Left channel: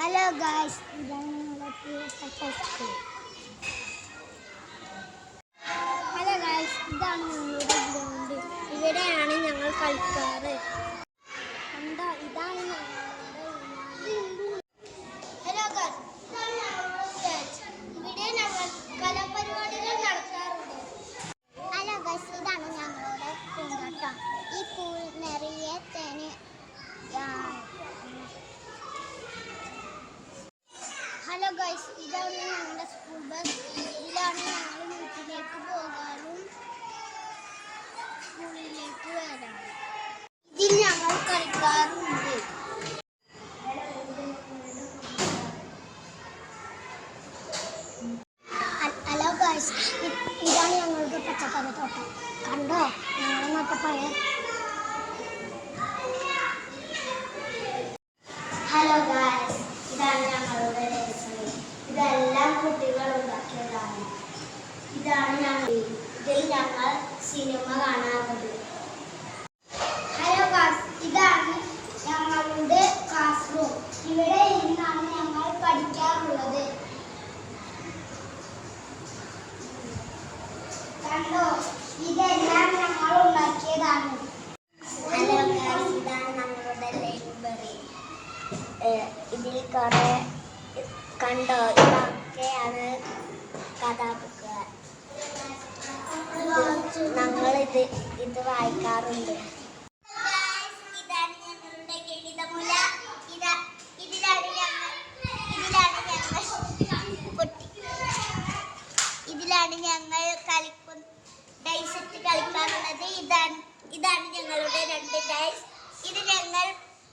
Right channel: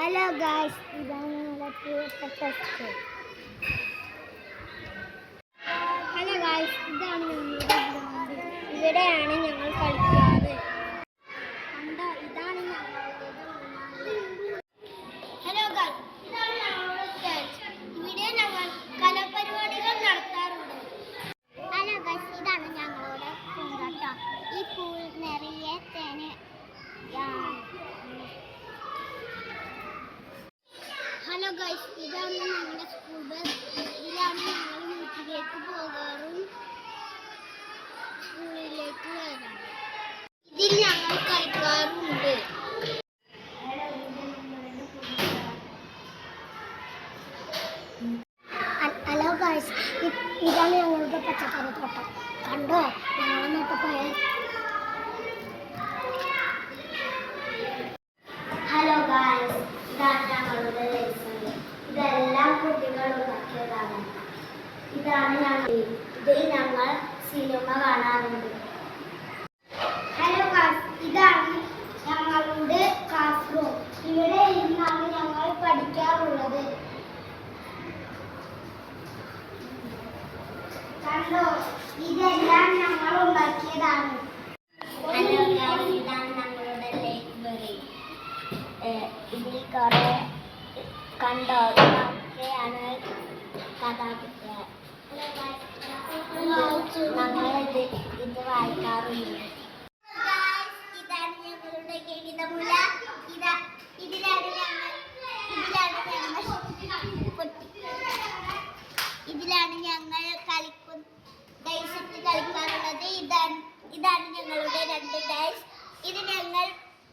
Hello guys, ഇതാണ് നമ്മുടെ പ്രിയപ്പെട്ട സ്കൂൾ. ഹലോ ഗായ്സ്, ഇതാണ് ഞങ്ങളുടെ ഗ്രൗണ്ട്. ഇവിടെയാണ് ഞങ്ങൾ കളിക്കുന്നത്. കണ്ടോ, ഇതാണ് ഹലോ ഗായ്സ്, ഇതാണ് ഞങ്ങളുടെ സ്റ്റേജ്. ഇവിടെ ഞങ്ങൾ കലാപരിപാടികൾ നടത്താറുണ്ട്. ഹലോ ഗായ്സ്, ഇതാണ് ഞങ്ങളുടെ പൂന്തോട്ടം. ഈ പൂൾ നിറയെ തേന്. ഹലോ ഗൈസ്, ഇതാണ് ഞങ്ങളുടെ സ്കൂൾ ബസ്. ഇതിലാണ് ഞങ്ങൾ വീട്ടിലേക്ക് പോകാറും സ്കൂളിലേക്ക് വരാറും. ഇതിൽ ഞങ്ങൾ കളിക്കാറുണ്ട്. ഹലോ ഗൈസ്, ഇതാണ് ഞങ്ങളുടെ പച്ചക്കറി തോട്ടം. കണ്ടോ, ഞങ്ങൾ നട്ട പയർ. ഹലോ ഗൈസ്, ഇതാണ് ഞങ്ങളുടെ ഇതെല്ലാം കുട്ടികൾ ഉണ്ടാക്കിയതാണ്. ഇതിൽ ഞങ്ങൾ സിനിമ കാണാറുണ്ട്. ഹലോ ഗായ്സ്, ഇതാണ് ഞങ്ങളുടെ ക്ലാസ് റൂം. ഇവിടെ ഇരുന്നാണ് ഞങ്ങൾ പഠിക്കാറുള്ളത്. കണ്ടോ, ഇതെല്ലാം ഞങ്ങൾ ഉണ്ടാക്കിയതാണ്. ഹലോ ഗായ്സ്, ഇതാണ് ഞങ്ങളുടെ ലൈബ്രറി. ഇതിൽ കുറെ കണ്ടോ, ഇതൊക്കെയാണ് കഥാബുക്കുകൾ. ഞങ്ങളിത് വായിക്കാറുണ്ട്. ഇതാണ് ഞങ്ങളുടെ ഗണിതമുല. ഇതിലാണ് ഞങ്ങൾ ഡൈസിട്ട് കളിക്കാറുള്ളത്. ഇതാണ് ഞങ്ങളുടെ 2 ഡൈസ്. ഇത് ഞങ്ങൾ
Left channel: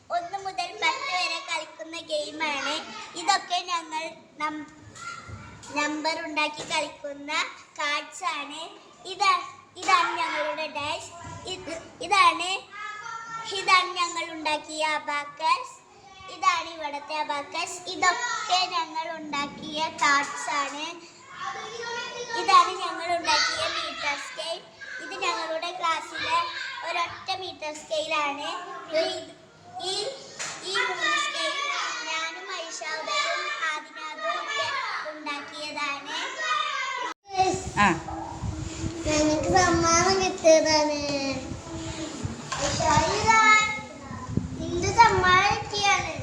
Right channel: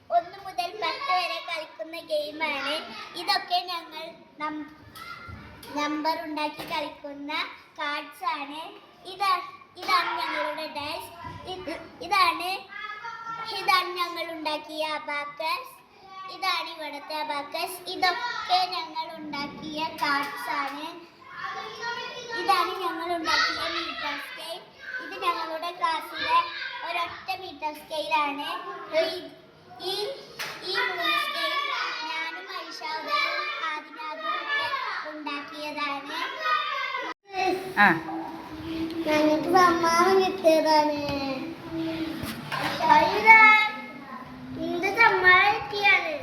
1 മുതൽ 10 വരെ കളിക്കുന്ന ഗെയിമാണ്. ഇതൊക്കെ ഞങ്ങൾ നമ്പർ ഉണ്ടാക്കി കളിക്കുന്ന കാർഡ്സ് ആണ്. ഇതാണ് ഞങ്ങളുടെ ഡാഷ്. ഇതാണ് ഞങ്ങൾ ഉണ്ടാക്കിയ അബാക്കസ്. ഇതാണ് ഇവിടുത്തെ അബാക്കസ്. ഇതൊക്കെ ഞങ്ങൾ ഉണ്ടാക്കിയ കാർഡ്സ് ആണ്. ഇതാണ് ഞങ്ങൾ ഉണ്ടാക്കിയ മീറ്റർ സ്കെയിൽ. ഇത് ഞങ്ങളുടെ ക്ലാസ്സിലെ ഒരൊറ്റ മീറ്റർ സ്കെയിലാണ്. ഈ 3 സ്കെയിൽ ഞാനും ഐഷാദും ആദിനാദും ഒക്കെ ഉണ്ടാക്കിയതാണ്. ഞങ്ങൾക്ക് സമ്മാനം കിട്ടിയതാണ്. എന്ത് സമ്മാനം കിട്ടിയാണ്?